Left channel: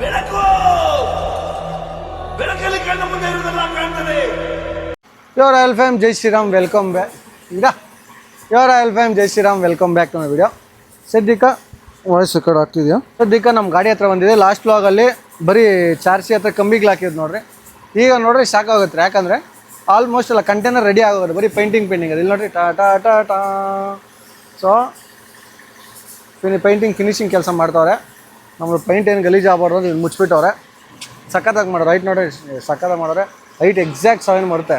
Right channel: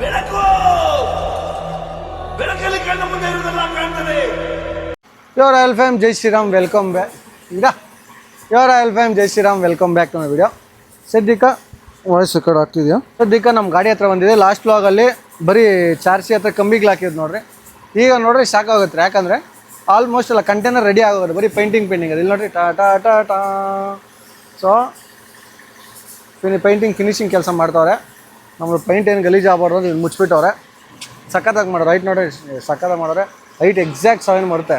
ಬೆಳಕು! ಬೆಳಕಲ್ಲಿ ಕಣ್ಣ ಮುಂದೆ ಇರುವುದೆಲ್ಲ ಯೋರ್ ಆಯಲ್ ಫ್ಯಾಮ್ ಜೈ ಶ್ರೀರಾಮ್ ವೆಲ್ಕಮ್ ಬ್ಯಾಕ್ ಈಗ your royal fam Jai Shriram welcome back to my video ಸದ್ಯಕ್ಕೆ ವಾಯ್ಸ್ ಕಡೆ ಆಗ್ತಿದೆಯಾ? ಸದ್ಯಕ್ಕೆ ನಮ್ಮ ಗಾಡಿ ಹತ್ರ ಬಂದಿದೆ. ಲಾಸ್ಟ್ ಲಾಗಲ್ಲಿ ಬರೀ ಚಾರ್ಜಿ ಹತ್ರ ಕಂಬಿಗೆ ಹಾಕಿದ್ದು ನೋಡ್ರಿ. ಈಗ ನೋಡ್ರಿ ಶಾಕ್ ಆಗುತ್ತೆ ಯಾಕಂದರೆ ಆಲ್ಮೋಸ್ಟ್ ಎಲ್ಲ ಕಂಟೈನರ್ ರೆಡಿ ಆಗೋದು. ಬರೀ ಪೇಂಟಿಂಗ್ ಪೇಂಟಿಂಗ್ ಅದು. ಇಲ್ಲಿ ನೋಡ್ರಿ, ಟಾ ಟಾ ಟಾ ಟಾ. ಸೊ ಪೇಂಟಿಂಗ್ ಫಿನಿಶಿಂಗ್ ಕೆಲಸ ಮಾಡ್ತಾವ್ರೆ. ನಮ್ಮದು ಪೈಂಟ್ ಏನು ಗಲೀಜು ಆಗಬಾರ್ದು ಇಲ್ಲಿ ಮುಚ್ಚಿಬಿಟ್ಟವ್ರೆ ಸಖತ್ತಾಗಿ ಮಾಡೋರು ರೈಟ್ ನೋಡಿ ಸಖತ್ತಾಗಿ ಮಾಡೋರೆ ಹೈಟ್ ಎಕ್ಸಾಕ್ಟ್ ಸೆವೆನ್ ಬರುತ್ತೆ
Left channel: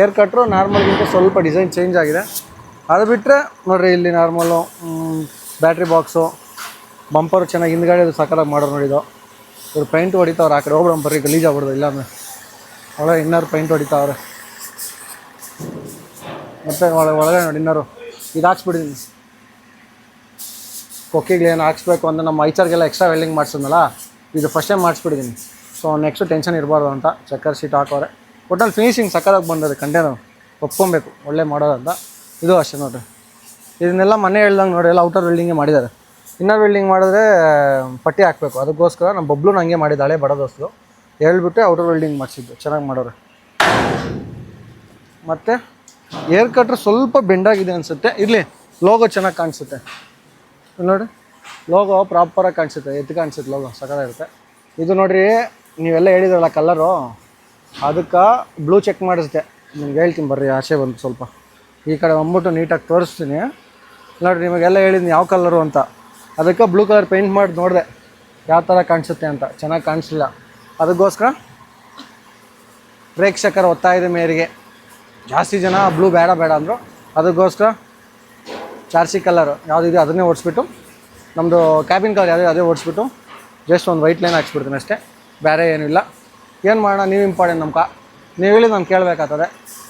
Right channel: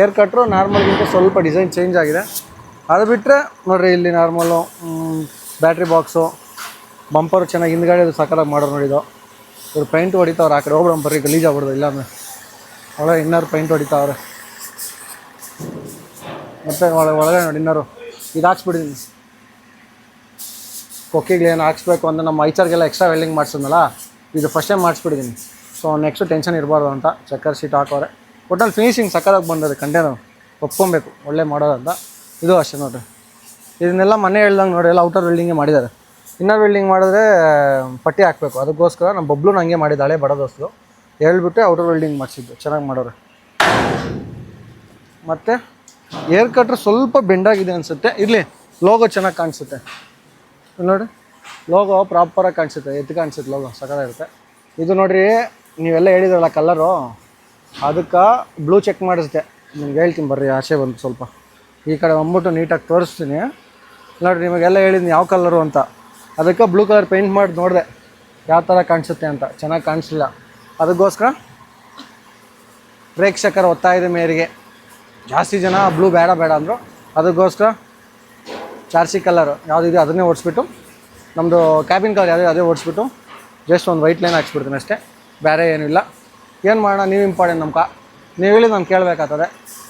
ಏರ್ ಕಟ್ರು ನಾರ್ಮಲ್ಗಿಂತ ಸ್ವಲ್ಪ ಡಿಸೈನ್ ಚೇಂಜ್ ಆಗಿದೆ. ಅದು ಬಿಟ್ಟರೆ ನೋಡಿರಿ ಇಲ್ಲಿ ನಾರ್ಮಲ್ಲು ಬ್ಯಾಟ್ರಿ ಬಾಕ್ಸು ಬಂಪರು ಚೆನ್ನಾಗಿ ಹಿಂದ್ಗಡೆ ಅದು ಸಖತ್ತಾಗಿ ಮಾಡೋರು ನೋಡಿದ್ದು ಇವ್ರು ಪೈಂಟ್ ಹೊಡಿತಾವ್ರೆ. ಆ ಕಡೆ ಹೋಗ್ಬಿಡೋಣ ಬರ್ರಿ, ಗಲೀಜ್ ಆಗ್ಬಿಡ್ದು ಇಲ್ಲಾಂದ್ರೆ ಒಳಗೆ ಇನ್ನಾರು ಪೈಂಟ್ ಹೊಡಿತಾವ್ರೆ. ಮತ್ತೆ ಒಳಗೆ ಒಳಗಡೆ ನೋಡಿ ಇನ್ನಾರು ಇದು ಹಾಕ್ಸ್ಬಿಟ್ಟಿದ್ದೀನಿ ಕೊಕ್ಕಿಗೆ ಏನು ಹಾಕ್ಸ್ಬೇಕು ಅಂತ ನಮ್ಮ ಐಚರ್ಗೆಲ್ಲ ಎಕ್ಸ್ಟ್ರಾ ವೆಲ್ಡಿಂಗ್ ಮಾಡಿಸಿದ್ನಲ್ಲ, ಇದು ಫಸ್ಟ್ ಟೈಮ್ ಮಾಡಿಸ್ಬಿಟ್ಟಿದ್ದೀನಿ ಸೊ ನೆಕ್ಸ್ಟ್ ಟೆನ್ಷನ್ ಇರಬಾರ್ದು ಅಂತ ಚಕ್ಕರ್ ಶೀಟ್ ಹಾಕೋರೆ ಒಟ್ಟಲ್ಲಿ ಫಿನಿಶಿಂಗ್ ಸಕ್ಕರಾಗಿ ಬಂದದೆ ಕಂಟೈನರ್ ಒಪ್ಕೊಬೇಕು, ಒಳ್ಳೆ ಮಾಡೋದಂತ ಇದು ಅಷ್ಟೇ ನೋಡಿರಿ. ಇದನ್ನೆಲ್ಲ ಮನೆ ಹೇಳ್ದಂಗೆ ನೋಡಿ, ಎಲ್ಲ ಔಟರ್ ವೆಲ್ಡಿಂಗೇ ಮಾಡಿದ್ದಾರೆ. ಇನ್ನರ್ ವೆಲ್ಡಿಂಗ್ ಮಾಡಿದ್ರೆ, ಪಟ್ಟಿ ಹಾಕಬೇಕು. ಅದಕ್ಕೋಸ್ಕರ ನಮ್ಮ ಬಬ್ಲು ಹಂಗೆ ಮಾಡಿದ್ದಾಳೆ ಬಡ ದೋಸ್ತು. ಹೇಳ್ಬಿಟ್ಟು ಔಟರ್ ವೆಲ್ಡಿಂಗ್ ಮಾಡಿಸಿದ್ದು. ಚೆನ್ನಾಗಿ ಮಾಡೋರು. ಮತ್ತು ಏರ್ ಕಟ್ರ್ ಸ್ವಲ್ಪ ಬೆಂಡಾಗಿದೆ ಅನಿಸುತ್ತೆ. ಇರಲಿ ಲೋಗೋ ಚೆನ್ನಾಗಿ ಕಾಣಿಸುತ್ತೆ. ನೋಡಿ. ಲೋಗೋ ಪ್ರಾಪರಾಗಿ ಕಾಣಿಸುತ್ತೆ ಎದ್ದು ಕಾಣಿಸುತ್ತೆ ಲೋಗೋ ಸಕ್ಕತ್ತಾಗಿರುತ್ತೆ ಇದು ನೋಡ್ರಿ, ನೀವೆಲ್ಲ ಹೇಳಿದ್ರಲ್ಲ ಕಲರು ಅದಕ್ಕೆ ಬ್ಲೂ ಚೆಕ್ ಮಾಡಿಸುತ್ತೆ ನಿಮ್ಗೆ ಹೇಳ್ತೀನಿ ಬರ್ರಿ, ಆಸೆ ಬಂದು ಸ್ವಲ್ಪ. ಈ ಕಡೆ ಬಂದ್ಬಿಟ್ಟು ನೀಟಾಗಿ ತೋರಿಸ್ತೀನಿ. ನೋಡಿರಿ, ನಿಮಗೆಲ್ಲ ಹೇಳಿದ್ನಿ ಯಾವ ಕಲರು ಅಂತ. ಅದಕ್ಕೆ ಬ್ಲೂ ಕಲರ್ ಪೇಂಟ್ ಮಾಡಿ ನೋಡಿದೆ. ಯಾವ ಥರ ಕಾಣಿಸುತ್ತೆ ಅಂತ. ಚೆನ್ನಾಗಿ ಕಾಣಿಸ್ಲಿಲ್ಲ. ಅದಕ್ಕೋಸ್ಕರ ಪ್ರೇಕ್ಷಕರ ಒತ್ತಾಯದ ಮೇರೆಗೆ ಜಾಸ್ತಿ ಜನ ಬ್ಲೂ ಬೇಡ ಬೇಡ ಅಂದರು. ಅದಕ್ಕೋಸ್ಕರ ಚಾರ್ಸಿ ಕಲರ್ ಯಾವುದಿದೆ ಅದನ್ನೇ ಓಡಿಸ್ಬಿಟ್ಟು ನಮ್ಮದು ಕ್ಯಾಬಿನ್ ಕಲರ್ ಯಾವುದೇ ಅದೇ ಓಡಿಸ್ಬಿಟ್ಟು ಜಸ್ಟ್ ಒಂದು ವೈಟ್ ಲೈನ್ ಹಾಕ್ಸ್ಬಿಡ್ತೀನಿ ಅಷ್ಟೇ, ಬೇರೆ ಏನಿಲ್ಲ ಏನು ಮಾಡೋಣ, ನೀವು ಇಂಪಾರ್ಟೆಂಟ್ ನಮ್ಮ ಕಾ ನೀವು ಹೇಳಿ ನಾನು ಕೇಳಬೇಕಾಗ್ತದೆ.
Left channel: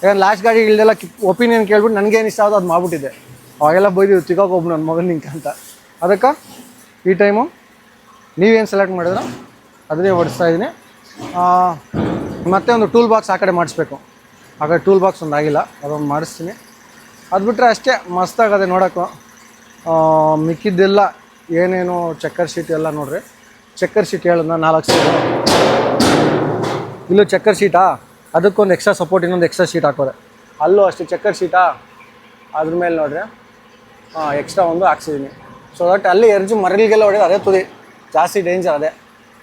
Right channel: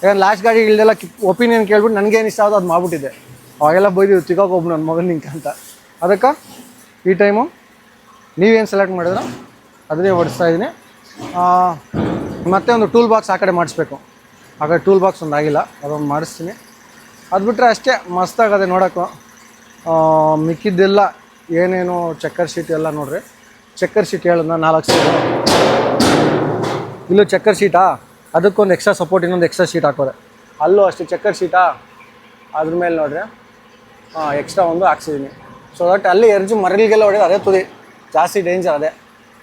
ಏನು ಲಾಸ್ಟ್ ಗಾಡಿ ಇಲ್ದೆಲ್ಲ ಒಪಿನಿಯನ್ ಕೇಳ್ಬಿಟ್ಟು ನನಗೇನು ಇಷ್ಟ ಆಗೋದು ಅದು ಮಾಡ್ಬಿಟ್ಟಿದೆ ಅವಾಗೆಲ್ಲ ಬೈದಿದ್ದು ತಿಗೋಕೆ ಒಬ್ಬ ನನ್ನ ಮಗನ ನಿಂಕ ಅಂತ. ಅದಕ್ಕೆ ಈ ಟೈಮು ನೀವೇನು ಸೆಲೆಕ್ಟ್ ಮಾಡಿದ್ರೆ ಅದನ್ನೇ ಓಡಿಸ್ತಾ ಇದ್ದೀನಿ ಮತ್ತೆ ಒಂದು ಟೂಲ್ ಬಾಕ್ಸ್ ಆ ಕಡೆ ಮಾಡಿಸ್ಬೇಕು. ಆ ಕಡೆ ಟೂಲ್ ಬಾಕ್ಸ್ ಒಂದು ಆಗಿಲ್ಲ, ಅದೊಂದು ಮಾಡಿಸ್ತೀನಿ. ಅದು ಬಿಟ್ಟರೆ ಅಷ್ಟೇ ಮಸ್ತಾಗದೆ ನೋಡೋಕ್ಕೂ. ಮಿಕ್ಕಿದ್ದೆಲ್ಲ ಏನೇನು ಚಕ್ಕರ್ ಶೀಟ್ ಎಲ್ಲ ನೋಡ್ರಿ. ಚಕ್ಕರ್ ಶೀಟ್ ಹೇಳೋಣ ನಾಲ್ಕು ಸೀಟ್ ಇಲ್ಲೂ ಚಕ್ಕರ್ ಶೀಟಾ ಅದಕ್ಕೊಂದು ಎಕ್ಸ್ಟ್ರಾ ಸಪೋರ್ಟ್ ಇನ್ನೊಂದು ಎಕ್ಸ್ಟ್ರಾ ಶೀಟ್ ಹಾಕೋದೆ ಅಲ್ಲೂ ಅಷ್ಟೇ ಚಕ್ಕರ್ ಶೀಟಾ ಅದ್ರ ಮೇಲೆ ನೋಡ್ರಿ. ಹಾಂ ಎಕ್ಸ್ಟ್ರಾ ಒಂದು ಹಾಕ್ಸಿದ್ದೀನಿ ಸೊ ದಟ್ ಅಲ್ಲಿ ಎರ್ಜು ಮರಳಿಗೆಲ್ಲ ಹೊಡೆದು ಅದೇ ತುದಿ. ಜಾಸ್ತಿ ಡೇಂಜರ್ ಅದೇ.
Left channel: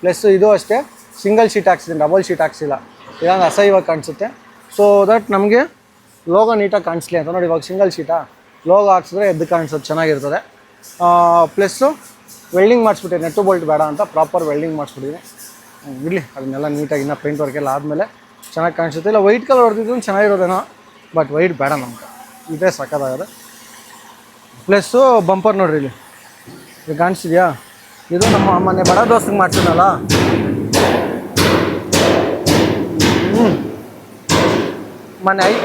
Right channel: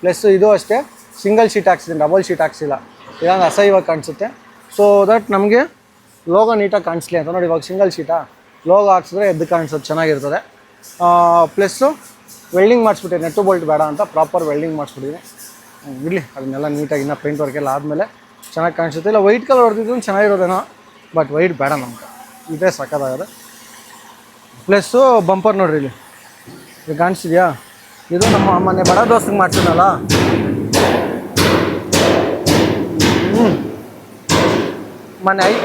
ಪ್ಲಸ್ ಇದು ಅಷ್ಟೇ ಸಿಂಗಲ್ ಶೀಟ್ ಹಾಕ್ಸಿದ್ದೀನಿ ಡಬಲ್ ಶೀಟ್ ಹಾಕ್ಸಿಲ್ಲ. ಇದೊಂದು ಅಸಹ್ಯವಾಗಿ ಕಾಣಿಸುತ್ತೆ. ಸೊ ದಟ್ ನಮಗೆ ಲೋಗೋ ನೀಟಾಗಿ ಕಾಣಿಸ್ಲಿ ಅಂತ. ನೋಡಿ, ಇವಾಗ ಸಿಂಗಲ್ ಶೀಟಾ ಲೋಗೋ ಹಾಕ್ಸಿದ್ರೆ ಎದ್ದು ಕಾಣಿಸೋದು ಚೆನ್ನಾಗಿರ್ತದೆ. ಪ್ಲಸ್ಸು ವೆಲ್ಡಿಂಗ್ ಮಾಡಿಸ್ಬಿಟ್ಟೆ ನೆಟ್ಟು ಬೋಲ್ಟ್ ಬೇಡ ಅಂತ ಪ್ರಾಪರ್ ವೆಲ್ಡಿಂಗ್ ಮಾಡಿಸ್ಬಿಟ್ಟಿದ್ದೀನಿ. ಇರಲಿ, ಅದನ್ನೆಲ್ಲ ನೀಟಾಗಿ ಇನ್ನೂ ಪೇಂಟ್ ವರ್ಕ್ ಎಲ್ಲ ಆದಮೇಲೆ ಚೆನ್ನಾಗಿ ಕಾಣಿಸುತ್ತೆ. ಇಲ್ಲ ವೈಟ್ ಕಲರ್ ಹೊಡೆದಿದ್ದು ಚೆನ್ನಾಗಿರೋದೇನೋ ಬಟ್ ವೈಟ್ ಬೇಡ ನಮ್ಗೆ. ಇದೇ ಸಕ್ಕದಾಗದೆ ಪ್ಲಸ್ಸು ಬಂಪರ್ ನೋಡ್ರಿ ಇಲ್ಲಿ. ಇದು ಕಾಣಿಸಿದ್ಯಾ ಇದು ನಮ್ಮ ಮೊನ್ನೆ ಬಡ ದೋಸ್ತಿಗೆ ಮಾಡ್ತೀನಲ್ಲ ಹ್ಞೂ ಮೊನ್ನೆ ಐ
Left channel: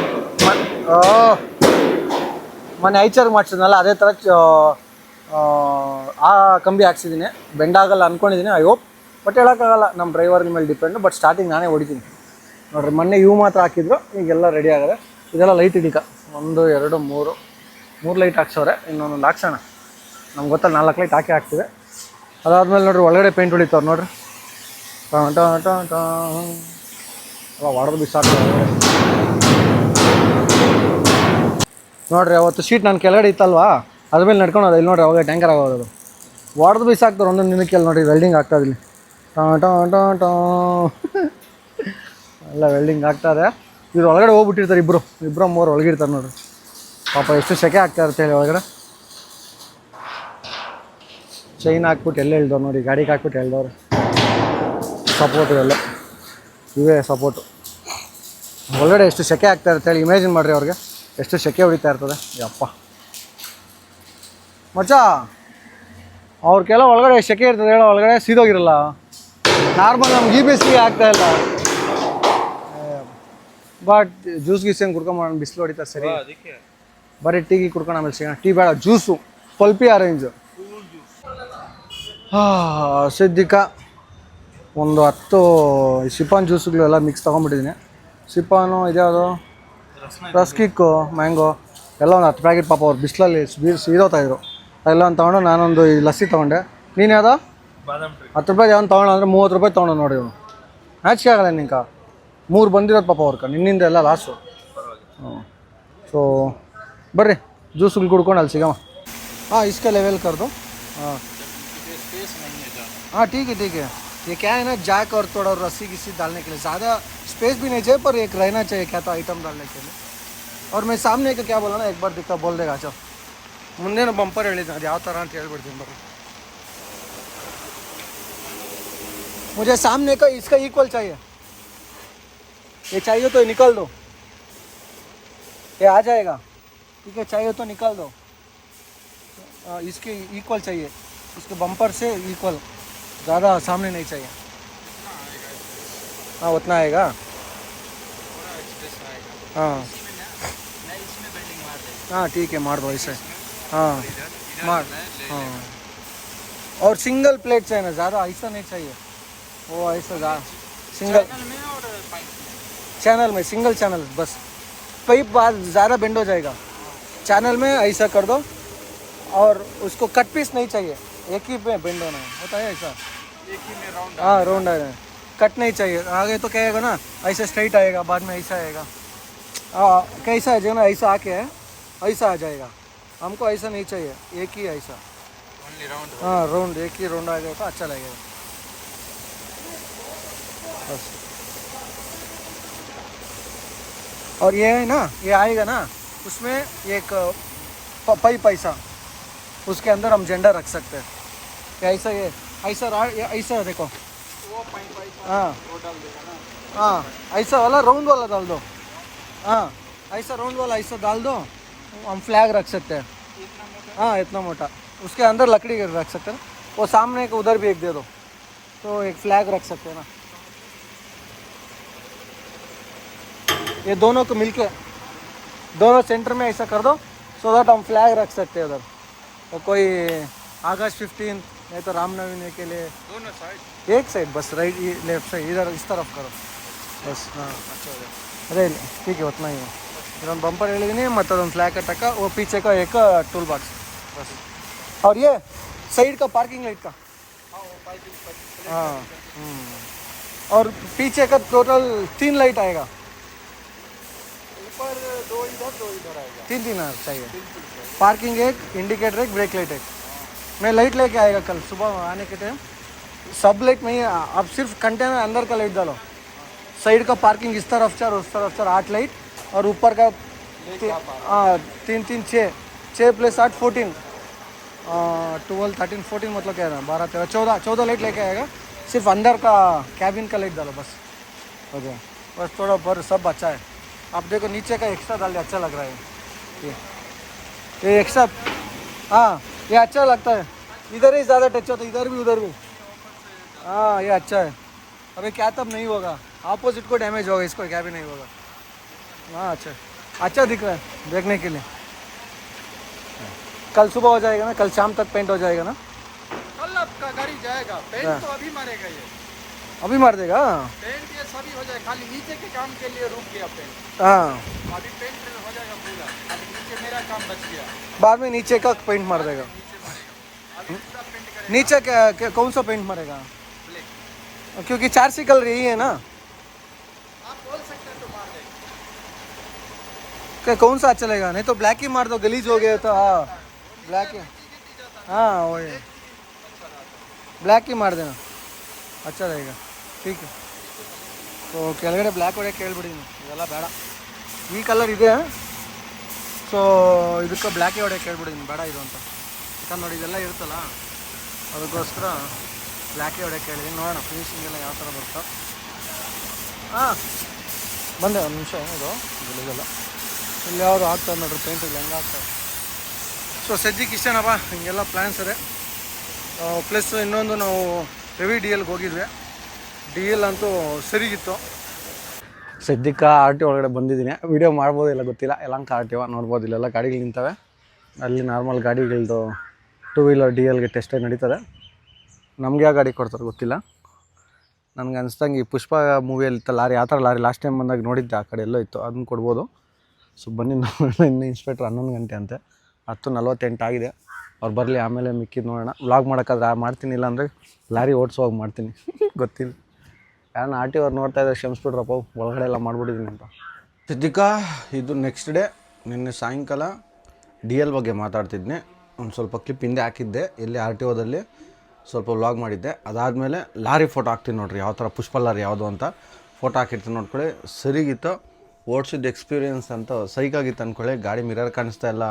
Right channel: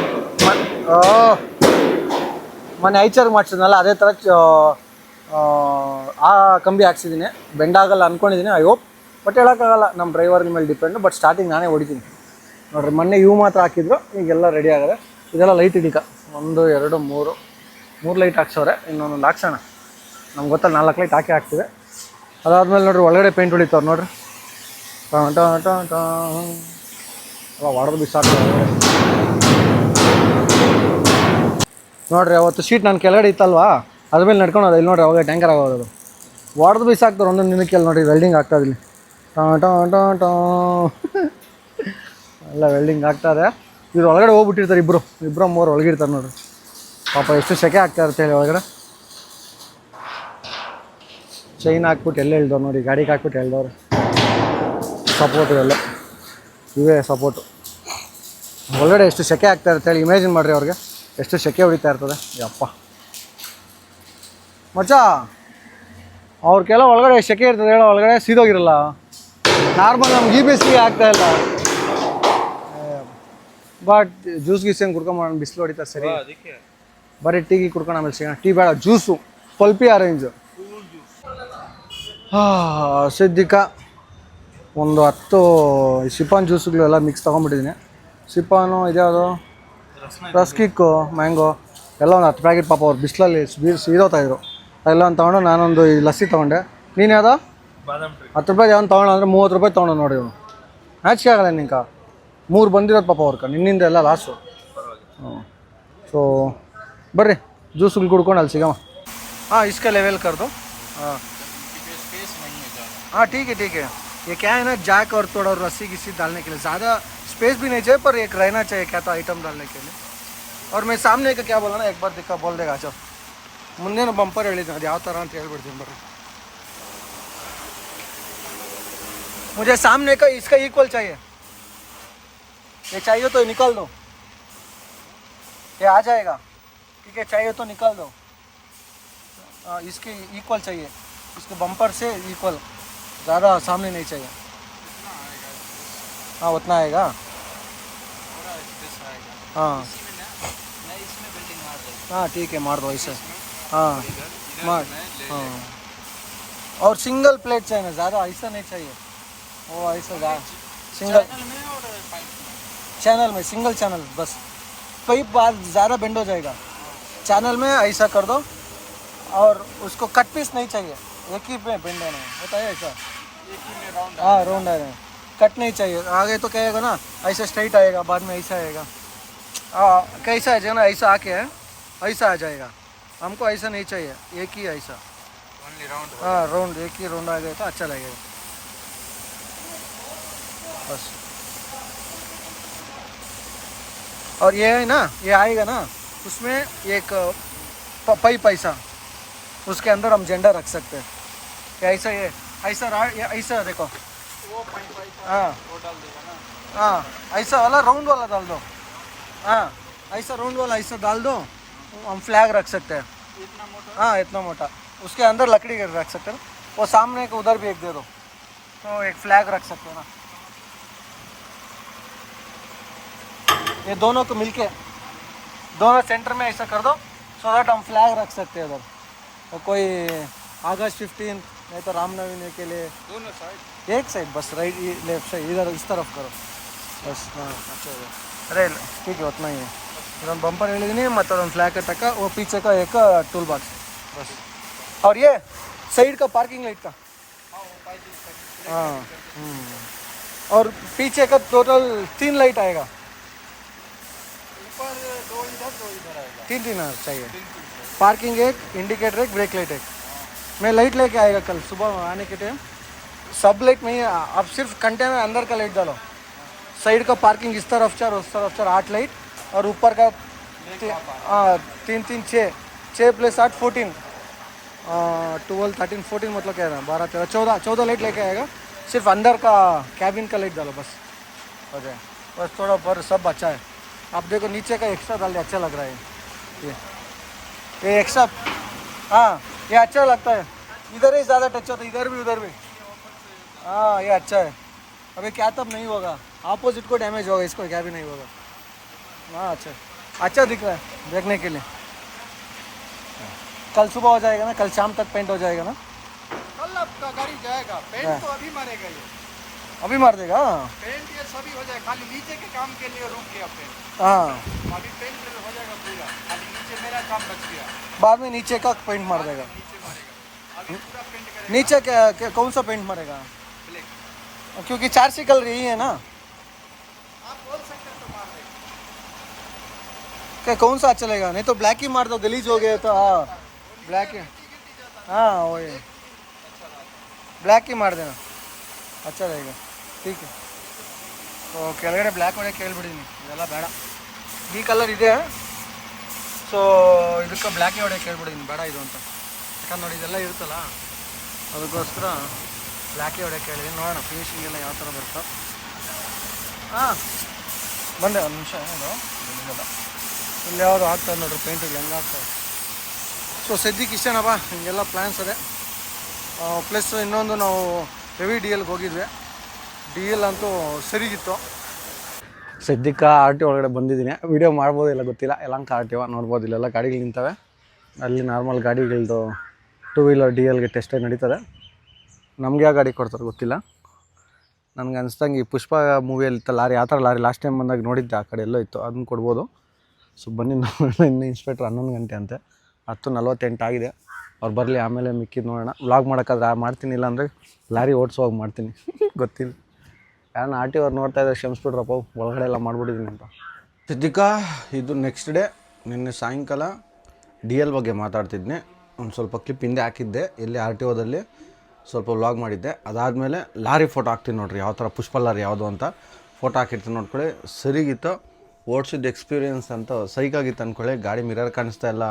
ಮೊನ್ನೆ ಐಚಾರ್ ಮಾಡ್ಸಿದ್ನಲ್ಲ ಅದೇ ಥರ ಆ, ಕಂಬಿ ಹಾಕ್ಸಿದ್ದೀನಿ. ಬೆಂಡಾಗಲ್ಲ ಅಂದ್ಕೊಂಡಿದ್ದೀನಿ ಐ ಹೋಪ್ ಬಟ್ ಹೇಳೋಕ್ಕಾಗಲ್ಲ ನಮ್ಮ ಡ್ರೈವರ್ ಮೇಲೆ ಡಿಪೆಂಡು ಬಟ್ ಸ್ಟಾರ್ಟಿಂಗ್ ನಾನೇ ಹೊಡಿತೀನಿ. ನೋಡ್ರಿ ಮೊನ್ನೆ ಇವು ಮಾತ್ರ ಹಾಕಿದ್ರು ಈಗೆಲ್ಲ ರೆಡಿ ಆಗಿದೆ. ಇದೆಲ್ಲ ಲೈಟ್ ಹಿಡಿಕ ಒಂದು ಎರಡು ಮೂರು. ಮೂರು ಲೈಟ್ ಹಾಕ್ಸವ್ರೆ ಇನ್ನೊಂದು ಹಾಕ್ಸೋಣ. ನಮ್ಗೆ ಗೊತ್ತಲ್ಲ ನಾಲ್ಕು ಲೈಟ್ ಹಾಕಿ ಹಾಕ್ತಿದೆ. ಅದಾದಮೇಲೆ ನೋಡ್ರಿ ಒಳಗಡೆ ಪೇಂಟ್ ಹೊಡಿತಾವ್ರು ನೋಡ್ರಿ. ಟಾ ಟಾ ಟಾ ಎಲ್ಲ ಹೊಡೆದು ಬಿಸಾಕ್ತಾರೆ. ನೋಡ್ರಿ, ಅವತ್ತು ಶೀಟ್ ನಾನು ಕೆಳಗಡೆ ಇತ್ತಲ್ವಾ? ಅದ್ರ ಮೇಲೆ ನಡ್ಕೊಂಡು ಇಲ್ಲಿ ನೋಡ್ರಿ, ಅವಾಗ ಟ್ಯಾಂಕರ್ ಆಗೋದು ಹೊಡೆದು ಹಾಕ್ತಾರೆ ಒಂದೊಂದು ದಿನಕ್ಕೆ ಅಲ್ಲಿ ನೋಡಿ ವೆಲ್ಡಿಂಗ್ ಆಗ್ತದೆ ಇಲ್ಲಿ. ಟಾ ಟಾ ಟಾ ಟಾ. ಎಲ್ಲ ವೆಲ್ಡಿಂಗ್ ಆಗ್ತಾರೆ ಇವ್ರು ಒಳಗಡೆ ಹೋಗ್ಬಿಟ್ಟಿರ್ತಾರೆ ಇಬ್ಬರು ಇಬ್ಬರು ಮೂರು ಒಳಗಿರ್ತಾರೆ ನೋಡ್ರಿ. ಪಾಪ ಎಷ್ಟು ಸೆಕೆ ಆಗ್ತಾ ಇರುತ್ತೆ ಹೇಳಿ ಒಳಗಡೆ. ಚೈನ್ ಹಾಕ್ಬಿಟ್ಟು ಎಲ್ಲ ಹೇಳ್ದವ್ರು ನೋಡಿ, ಗಾಡಿಗೆ ಹಾಕ್ಬಿಟ್ಟು ಹೇಳ್ದವ್ರು. ಸಪೋರ್ಟ್ ಎಲ್ಲ ಇವೇ ಸಪೋರ್ಟು ಒಳಗಡೆ ಎಷ್ಟು ಸೆಕೆ ಆಗ್ತಾ ಇರುತ್ತೆ ಹೇಳಿ ಇಮ್ಯಾಜಿನ್ ಮಾಡಿರಿ ಅವ್ರಿಗೆ. ಎಷ್ಟು ಸೆಕೆ ಹೊಡಿತಾ ಇರ್ತದೆ? ಯಪ್ಪ. ಮಚ್ಚ ಅವ್ರಿಗೆಲ್ಲ ಒಳಗಡೆ ಸೆಕೆ ಇರ್ತದೆ ಹೇಳೋ ಒಳಗಡೆ ಸೀದೋಗಿರಲ್ಲ. ನಾರ್ಮಲ್ ನಮ್ಗೆ ಈ ಬೇಸಿಗೆ ಆಗ್ತಾ ಇಲ್ಲ. ಬಟ್ ಜ್ಯೂಸ್ ಗೀಸ್ ಏನು ಕುಡ್ಕೊಂಬೋಣ ಬಿಸಿಲು ಹೊಡಿತಾ ಸರಿ. ಬರೀ ಟೀ ಕುಡ್ಕೊಂಡು ಆಮೇಲೆ ಸಿಗೋಣ. ಟೀ ಬೇಡ ಜ್ಯೂಸು ಪಲ್ಪಿ ಆರೆಂಜು ಸಿದ್ಧಿಕ ಒಂದು ಹತ್ತು ಶಿಪಾನ್ ಜ್ಯೂಸ್ಗಳೆಲ್ಲ ಮಿಕ್ಸ್ ತೊಗೊಂಡ್ಬಿಟ್ಟಿದ್ದೀನಿ. ಸಿಪಾನು ಇದ್ಯಾವುದು? ರಸ್ಕಿಕ್ಕು ಮ್ಯಾಂಗೋ ಎಲ್ಲ ಒಂದು ಹತ್ತು ಪ್ಯಾಕೆಟ್ ಪಾಪ ಅವ್ರು ಬಿಸಿಲಲ್ಲಿ ಬೀರ್ ಸೀದೋತಾ ಇದ್ರು ಎಲ್ಲ ಒಂದು ತೊಗೊಂಡು ನಾನೊಂದು ಈ ಲಸ್ಸಿ ತೊಗೊಂಡೆ ನೀನು ಯಾವ್ದು ಬಾದಾಮ್ ಟ್ರೀ ಹತ್ತು ರೂಪಾಯಿ ಅವ್ನು ತೊಗೊಳ ಅಂದರೆ ಮೂವತ್ತು ರೂಪಾಯಿ ತೊಗೊಂಡು ನೋಡಿ ಇವನು ನಾಚಿಕೆ ಆಗಲ್ಲ ನಿಂಕ ಮೂರು ಬಂದಿರೋದು ಪಾಪ ಅವ್ರಕ ನಿನ್ನಿಂದ ಎಲ್ಲ ಲಾಸು ಹ್ಞೂ ಸೊ ಬರ್ರಿ ಜ್ಯೂಸ್ಗಳು ಕುಡ್ಕೊಂಡು ಅಲ್ಲಿ ಸಿಗಮ್ಮ हाँ इसका लेवल कर दो हाँ हाँ ठीक है ठीक है ये क्या है ना जैक और थोड़ा रस्सी किसी डालने के लिए ज़्यादा स्पेस भी नहीं चाहिए पर एक रहना चाहिए क्या तो आइटम डालने के लिए और मैं सामने का क्या बोला ना एक बार दिक्का बोल देगा चल ಮುಂದೇನು ಬಂಪರ್ ಹೇಳಿದ್ದೀನಿ ಅದು ಯಾವ ಥರ ಅಂತ ಹೇಳ್ಬಿಡ್ತೀನಿ ಬರ್ರಿ मुझे सामने का इसका इक्वल चाहिए ये चाहिए तो निकल दो ये आ जाएगा ठीक है चाहिए तो निकल दो हाँ, इसके इक्वल चाहिए इसको बम्पर से इक्वल ज़्यादा सामने नहीं चाहिए हाँ उतना आएगा हाँ। हाँ ठीक है मार दो ऐसे हाँ मार। हाँ। और सिंगल प्लेट चाहिए ना ज़्यादा ऐसा नहीं चाहिए। वो ऐसा ज़्यादा सिंगल चैनल में सिंगल चैनल बस। पाइप बार ज़्यादा बेंड हो जाएगा। चैनल में ऐसा कर दो और उसको कट पीस नहीं चाहिए। एक ही में बेंड होना है। होता है ऐसा ही राउंड हाँ है। कट नहीं चाहिए। आगे तो कहेगा ना ऐसे स्ट्राइट आएगा बाद में ऐसा आएगा। हाँ कैसा है जो ना ऐसा आके है ऐसा आ जाएगा। हमको ऐसा नहीं चाहिए एक ही ऐसा। हाँ राउंड एक ही राउंड आ गया तो अच्छा लगेगा। बस। और ये है ना ये आएगा ना उसमें एक प- पाइप ऐसा उसके अंदर हम झंडा रख सकते हैं। ऐसा ये ऐसा रहा ये ऐसा देखो। हाँ। हाँ ऐसा वाला राउंड वाला डाल दो। हाँ ऐसा राउंड वाला ऐसा डाल दो हम फ्लैग रख सकते हैं। हाँ इतना मोटा। उसके अंदर लकड़ी रख सकते हैं वो सामने एक उधर भी एक दे दो। तो एक फ्लैग रख सकते हो ना। ये दोनों को मिलके दोनों सेंटर में ऐसा कर दो सो दैट हम फ्लैग रख सकते हैं उधर। तो कोई अगस्त फिफ्टीन नहीं तो रामनवमी के लिए। दोनों साइड एक साइड बस राइट लेफ़्ट साइड इधर इस तरफ़ करो। बस हाँ। अरे ठीक है उतना ही है हम बम्पर ಹೇಳಿದೀನಿ ಮತ್ತು ಒಂದು ಫ್ಲ್ಯಾಗ್ तक वो पीछे का एक टूल बॉक्स और ये साइड का पार्किंग लाइट का हाँ हम्म। और पीछे का टोटल तीन लाइट आएगा तीन तीन है चाहिए parking light indicator light brake light है मैं लाइट लेके आएगा कल सुबह आने के टाइम सब लाइट नहीं है अब सिर्फ कंटेनर अंदर का लाइट डालो साइड का पार्किंग इस तरफ़ चार उस तरफ़ चार आठ लाइट और ऊपर का तीन तीन छः छः प्लस आठ फोर्टीन ट्वेल्व थर्टीन फोर्टीन मतलब क्या है? बारह, तेरह, चौदह चौदह लाइट लेके आएगा। सिर्फ़ अंदर का कैबिन का लाइट डालो बस। हो गया। बस थोड़ा पर सब अच्छा है। आप देखो नीचे का एक्स्ट्रा डाल अच्छा लग रहा है। ये ये एक्स्ट्रा हाँ ये अच्छा लगता है। इधर ही ज़्यादा टच होता है इधर भी, उधर भी। हाँ ये अच्छा है। अरे क्या तब नहीं होगा। ऑपोजिट को डैमेज होगा इसको क्या भी नहीं होगा। हाँ अच्छा। अच्छा दिख रहा है देखने के लिए। कल सुबह हो जाएगा ना कल शाम तक पेंट हो जाएगा ना? कल आपका गाड़ी जाएगा पेंट हाँ। तो अभी मारेगा ये। अभी मार देगा पेंट ये सभी हो जाएगा खाली नीचे के काम के लिए रुक गया पेंट हाँ। अभी पेंट हो जाएगा पूरा खाली नीचे मेरा काम बच गया। बाद में नीचे का पेंट मार देगा। अभी नीचे क्या, क्या कौन सा पेंट मारेगा? क्योंकि चार सी कलर यही है ना। क्या कौन सा अच्छा लगेगा नहीं तो ब्लैक ही मार दो गलीज हो गया तो हाँ ब्लैक ही हाँ वही ಬ್ಲ್ಯಾಕ್ ही ಮಾರ್ देना अच्छा रहेगा ठीक है ಸೊ ಕೆಳಗಡೆ ಬ್ಲ್ಯಾಕ್ ಹೊಡೆಯೋಕೆ ಕೇಳ್ಬಿಡಿನಿ ಇವೆಲ್ಲ ಬೇಡ ಈ ಕಲರ್ ಇದೆ ಸೊ ಇದಕ್ಕೆ ಬ್ಲ್ಯಾಕೇ ಹೊಡೆಯೋಕೆ ಕೇಳ್ಬಿಡಿನಿ ಬೇಡ ಇದು ಅಂತ ಯಾಕಂದ್ರೆ ನೋಡಿ ಇದೆಲ್ಲ ಇರುತ್ತಲ್ಲ ಅದಕ್ಕೋಸ್ಕರ ಬ್ಲ್ಯಾಕೇ ಹೊಡೆಯೋಕೆ ಹೇಳಿದ್ದೀನಿ ನೋಡೋಣ ಫಿನಿಶಿಂಗ್ ಎಲ್ಲ ಯಾವ ಥರ ಬರುತ್ತೋ ಹಾಂ ಬಂದೆ ಒಂದು ನಿಮಿಷ ಇದು ಇಲ್ಲಿಲ್ಲ ಇಲ್ಲಿ ಯಾವುದು ಆಗ್ತದೆ ನೋಡ್ರಿ ಪೇಂಟ್ ಹಂಗೆ ಸೊ ಸದ್ಯಕ್ಕೆ ಇಷ್ಟೇನಪ್ಪ ಹಿಂಗೆಲ್ಲ ಪ್ಲ್ಯಾನ್ಸ್ ಅದೇ ಪ್ಲಸ್ ಇನ್ನೊಂದು ನಾವು ಹೆವಿ ಡಿ ಎಲ್ಗೆ ಹೋಗಿದ್ವಿ. ಡಿ ಎಲ್ ಅಂತೂ ಸರಿಗಿತ್ತು. ಸದ್ಯಕ್ಕೆ ಆರ್ ಟಿ ಒಳಗಡೆ ಬಂದಿದ್ದೀನಿ. ವಿಡಿಯೋ ಮಾಡ್ಬೋದು ಇಲ್ಲ ಗೊತ್ತಿಲ್ಲ. ಎಲ್ಲಂಕ ಆರ್ ಟಿ ಒ ನೋಡ್ಬೋದು. ಇಲ್ಲೆಲ್ಲ ಗಾಡಿಗಳು ನಿಂತವೆ. ಅಲ್ಲಿ ನಾರ್ಮಲ್ ಗಾಡಿಗಳದ್ದು ಟೂ ವೀಲರ್ ಡಿ ಎಲ್ಗೆ ಟೆಸ್ಟೇ ನಡೀತದೆ. ನಮಗೆ ಯಾವ ಗಾಡಿ ಕೊಡ್ತಾರೆ ಗೊತ್ತಿಲ್ಲ. ನನಗೆ ಅನಿಸ್ದಂಗೆ ಈ ಪುಷ್ಪ ಮೂವಿಯಲ್ಲಿ ಇತ್ತು, ಲಾರಿ, ಆ ಥರ ಲಾರಿ ಲಾಸ್ಟ್ ಟೈಮ್ ಬಂದಾಗ ನೋಡಿದ್ದೆ, ಆ ಕಡೆ ಎಲ್ಲೋ ಇತ್ತು. ಅದನ್ನು ಕೊಡ್ಬೋದು. ಸೊ ಬನ್ನಿ ನೋಡೋಣ ಇನ್ನು ಇನ್ಸ್ಪೆಕ್ಟ್ರ್ ಹನ್ನೊಂದು ಗಂಟೆ ಅಂತೆ. ಹತ್ತು ನಲ್ವತ್ತೆಂಟು ಆಗಿದೆ. ಅವ್ರು ಬರಲಿ, ಆಮೇಲೆ ಮಿಕ್ಕಿದ್ದು ನೋಡೋಣ. ವ್ಲಾಗ್ ಮಾಡೋಕ್ಕಾದ್ರೆ ಮಾಡ್ತೀನಿ, ಇಲ್ಲಾಂದರೆ ಲಾರಿ ಓಡಿಸುವಾಗ ಮಾಡ್ತೀನಿ. ಗೊತ್ತಿಲ್ಲ. ಯಾರನ್ನ ಆರ್ ಟಿ ಅವ್ರು ನೋಡ್ತಾ ಇದ್ದಾರೆ ಕ್ಷಮಿಸ್ಬಿಡ್ರಪ್ಪ ಒಳಗಡೆ ಎಲ್ಲ ಮಾಡಿಬಿಟ್ಟಿದ್ದೀನಿ ಅಂತ. ಸಿದ್ದಿಕಾ ಇದು ನೆಕ್ಸ್ಟ್ ಡೇ ನಿನ್ನೆ ಸಾಯಂಕಾಲ ಡಿ ಎಲ್ ಬಗ್ಗೆ ಮಾತಾಡ್ತಿದ್ದೆ ಒಂದು ಸ್ವಲ್ಪ ಕ್ಲಿಪ್ ಹಿಂದೆ ಹಾಕಿದ್ದೆ. ಇಲ್ಲಿ ಆರ್ ಟಿ ಓದಲ್ಲಿ ಸ್ವಲ್ಪ ವ್ಲಾಗ್ ಮಾಡಿದ್ದೆ. ಅದಾದಮೇಲೆ ಲಾರಿ ಫೋಟೋ ಹಾಕ್ತೀನಿ ನೋಡ್ರಿ ಯಾವ ಥರ ಪುಷ್ಪ ಲಾರಿ ಯಾವುದು ಅಂತ. ಫೋಟೋ ಹಾಕಿರ್ತೀನಿ ನೋಡ್ಕೊಳ್ಳಿ. ಸರಿಗಿತ್ತು. ಓಡಿಸಿದ ಎಕ್ಸ್ಪೀರಿಯೆನ್ಸ್ ಅಂತ ಸೈಕಾಗಿತ್ತು ಅಂದ್ಕೊಳ್ಳಿ ಗಾಡಿ ಮಿರರ್ ಕಾಣಿಸ್ತಾ ಇಲ್ಲ,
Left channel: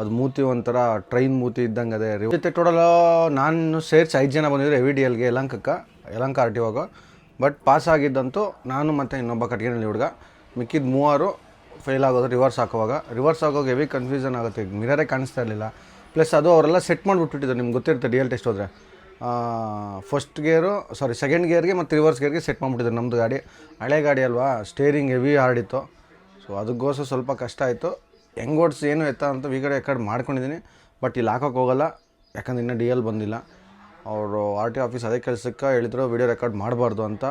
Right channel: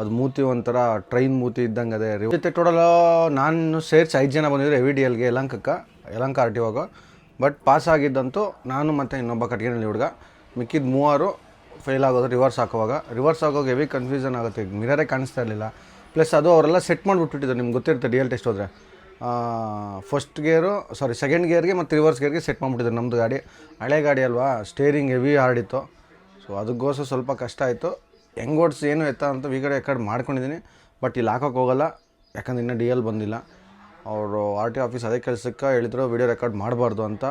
ಅದು ಮೂತಿ ಒಂಥರ ಟ್ರೈನ್ ಮೂತಿ ಇದ್ದಂಗೆ ಅದೇ. ಜೊತೆ ಟೋಟಲ್ ನಾನು ಸೇರಿಸಿ ಐದು ಜನ ಬಂದಿದ್ರು ಎವಿ ಡಿ ಎಲ್ಗೆ ಯಲಂಕಕ್ಕೆ Yelahanka R T but pass ಆಗಿದ್ದಂತೂ ನಾನು ಮತ್ತು ಇನ್ನೊಬ್ಬ ಕಟ್ಗೆನಲ್ಲಿ ಹುಡುಗ. ಮಿಕ್ಕಿದ ಮೂವರು ಫೇಲ್ ಆಗೋದು ರಿವರ್ಸ್ ಹಾಕುವಾಗ. ರಿವರ್ಸ್ ಆಗೋವಾಗ ಹೆವಿ ಕನ್ಫ್ಯೂಷನ್ ಆಗುತ್ತೆ ಮಿರರೇ ಕಾಣಿಸ್ತಾ ಇರಲಿಲ್ಲ. ಪ್ಲಸ್ ಅದು ಅವರೆಲ್ಲ ಸೆಟ್ ಮಾಡಿಬಿಟ್ಟಿಟ್ಟಿದ್ದಾರೆ ನಿಮ್ಗೆ ಗೊತ್ತಿರುತ್ತೆ ಡಿ ಎಲ್ ಟೆಸ್ಟ್ ಹೋದರೆ. ಫಸ್ಟ್ ಗೇರು ಸಾರಿ ಸೆಕೆಂಡ್ ಗೇರ್ಗೆ ಮತ್ತು ರಿವರ್ಸ್ ಗೇರ್ಗೆ ಸೆಟ್ ಮಾಡಿಬಿಟ್ಟಿದ್ರು ನಮ್ಮದು ಗಾಡಿ. ಹಳೆ ಗಾಡಿ ಅಲ್ವಾ ಸ್ಟೇರಿಂಗ್ ಹೆವಿ ಹಾರ್ಡಿತ್ತು ಸೊ ಅದಕ್ಕೋಸ್ಕರ ಸ್ವಲ್ಪ ಕಷ್ಟ ಆಯಿತು. ಹೆಂಗೆ ಓಡಿಸಿ ಏನು ಎತ್ತ ಅಂತ ಈ ಕಡೆ ಕಡೆ ಮಾಡ್ಕೊಂಡಿದ್ದೀನಿ ಬಟ್ ಇಲ್ಲಿ ಹಾಕೋಕೆ ಹೋಗಲ್ಲ. ಯಾಕಂದ್ರೆ ಇನ್ನೂ ಡಿ ಎಲ್ ಬಂದಿಲ್ಲ. ಅವರು ಆರ್ ಟಿ ಆಫೀಸ್ ಅದೇ ಕೆಲಸಕ್ಕೆ ಹೇಳಿದ್ರು ವಿಡಿಯೋ ರೆಕಾರ್ಡ್ ಮಾಡಬಾರ್ದು ಅಂತ.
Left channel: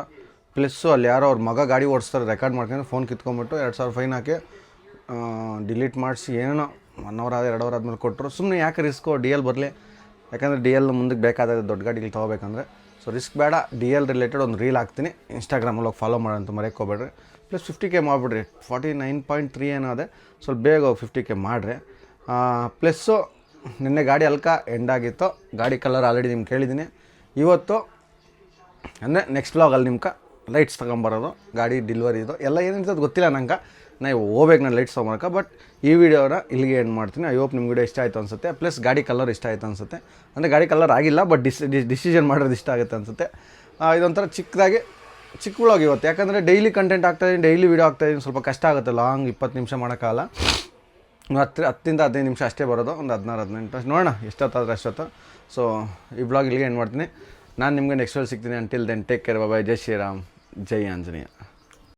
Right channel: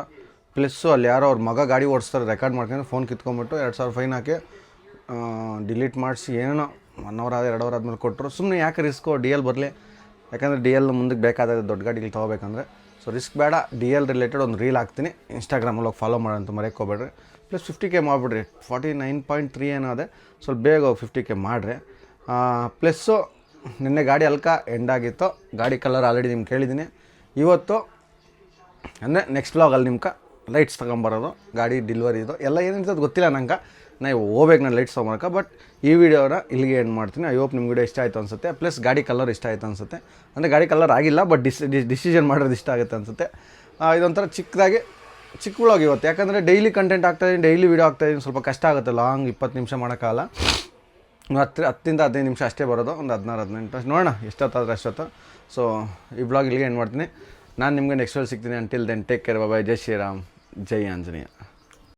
ಪ್ಲಸ್ಸು ಅಲ್ಲಿ ಯಾರೋ ಅವ್ರ ಮಗ ಗಾಡಿ ಓಡಿಸ್ತಾರೆ ರೆಕಾರ್ಡ್ ಮಾಡ್ಕೊಂಡು ಫೋನ್ ಕಿತ್ಕೊಂಬಿಟ್ಟು ಎರಡು ಸಾವಿರ ಫೈನ್ ಹಾಕಿ ಡಿಲೀಟ್ ಮಾಡಿಸಿ ಏನೋ ಒನ್ ಅವರ್ ಆದ ಎರಡು ಅವರ್ ಆದಮೇಲೆ ಕೊಟ್ಟರು ಸುಮ್ಮನೆ ಯಾಕೆ ರಿಸ್ಕು ಡಿ ಎಲ್ ಬರಲಿ? ಯಾಕಂದರೆ ಡಿ ಎಲ್ ಮುಂದಕ್ಕೆ ಬೇಕಾದಾಗ ದೊಡ್ಡ ಗಾಡಿಗಳು ತೊಗೋಬೇಕಂದ್ರೆ. ಸೊ ರಿಸ್ಕ್ ಬೇಡ ಡಿ ಎಲ್ ರಿಲೇಟೆಡ್ ಒಂದು ರೀಲ್ ಹಾಕ್ತೀನಿ. ಇನ್ಸ್ಟಾಗ್ರಾಮಲ್ಲಿ ಹೋಗಿ ಫಾಲೋ ಮಾಡೋಂತ ಮರೆಯೋಕೆ ಹೋಗ್ಬೇಡ್ರಿ ಪ್ಲಸ್ ಫಿಫ್ಟಿ ಕೆ ಮಾಡಿಬಿಡ್ರಿ. ಫಾರ್ಟಿ ನೈನ್ ಪಾಯಿಂಟ್ ತ್ರೀ ಏನೋ ಅದೇ. ಸ್ವಲ್ಪ ಬೇಗ ಫಿಫ್ಟಿ ಕೆ ಮಾಡಿರಿ. ಪ್ಲಸ್ಸು ನಿನ್ನೆ ಗಾಡಿ ಅಲ್ಕ ಎಂಡ್ ಆಗಿತ್ತು. ಗಾಡಿ ಕಲರ್ ಆಲ್ರೆಡಿ ನಿಮ್ಗೆ ಕೇಳಿದ್ದೀನಿ. ಇವತ್ತು, ಅಂದರೆ ನೆಕ್ಸ್ಟ್ ಬ್ಲಾಗಲ್ಲಿ ನಿಮ್ಗೆ ಲೈಟ್ಸ್ ತೊಗೊಂಬರೋದು, ಗಾಡಿ ಡಿಲ್ವರಿ ಇದು. ಎಲ್ಲ ಏನಿರ್ತದೆ ಗೊತ್ತಿಲ್ಲ ನಂಗೆ. ನಾವು ಹೋಗ್ಬೇಕು ನಾನು ಲೈಟ್ಸ್ ತೊಗೊಂಬರಕ್ಕೆ ಬಟ್ ಈ ವಿಡಿಯೋನ ಇಲ್ಲಿಗೆ ಎಂಡ್ ಮಾಡ್ತೀನಿ. ಐ ಹೋಪ್ ನಿಮ್ಗೆ ಇಷ್ಟ ಆಯಿತು ಅನಿಸುತ್ತೆ. ಪ್ಲಸ್ ಗಾಡಿ ಕಲರ್ ಇಷ್ಟ ಆಯಿತು ಅನ್ಸುತ್ತೆ. ಅಂದರೆ ಗಾಡಿ ಕಲರ್ ಆಗಿಲ್ಲ ಬಟ್ ಡಿಸ್ ಡಿಸಿಷನ್ ಮಾಡೋದು ಇಷ್ಟ ಆಗುತ್ತೆ ಅನಿಸುತ್ತೆ. ಇದೊಂಥರ ಚಿಕ್ಕದಾಗಿ ಚಿಕ್ಕ ವ್ಲಾಗ್ ಇವತ್ತು. ಯಾಕಂದರೆ ಡೈಲಿ ಕಂಟೆಂಟ್ ಆಗ್ತಾಯಿದ್ದೀನಿ ಡೈಲಿ ವೀಡಿಯೋ ಆಗ್ತಾಯಿದ್ದೀನಿ ಸ್ವಲ್ಪ ಕಷ್ಟ ಆಗುತ್ತೆ ಲಾಂಗ್ ಇಪ್ಪತ್ತು ನಿಮಿಷ ಮಾಡೋಕ್ಕಾಗಲ್ಲ ಹತ್ತು, ಹತ್ತಿಂದ ಹದಿನೈದು ನಿಮಿಷ ಅಷ್ಟೇ ಬರೋದು, ಒಂದು ಹದಿನಾರು, ಹದಿನೆಂಟು ನೋಡೋಣ, ಎಷ್ಟೊತ್ತಾದ್ರೆ ಅಷ್ಟೊತ್ತು. ಸೊ ಈ ಬ್ಲಾಗ್ ಇಲ್ಲಿಗೆ ಏನು ಮಾಡ್ತೀನಿ. ನಾನು ನಿಮಗೆ ನೆಕ್ಸ್ಟ್ ಸಿಗ್ತೀನಿ. Until then take care bye ಜೈ ಶ್ರೀರಾಮ್. ಜೈ ಆಂಜನೇಯ.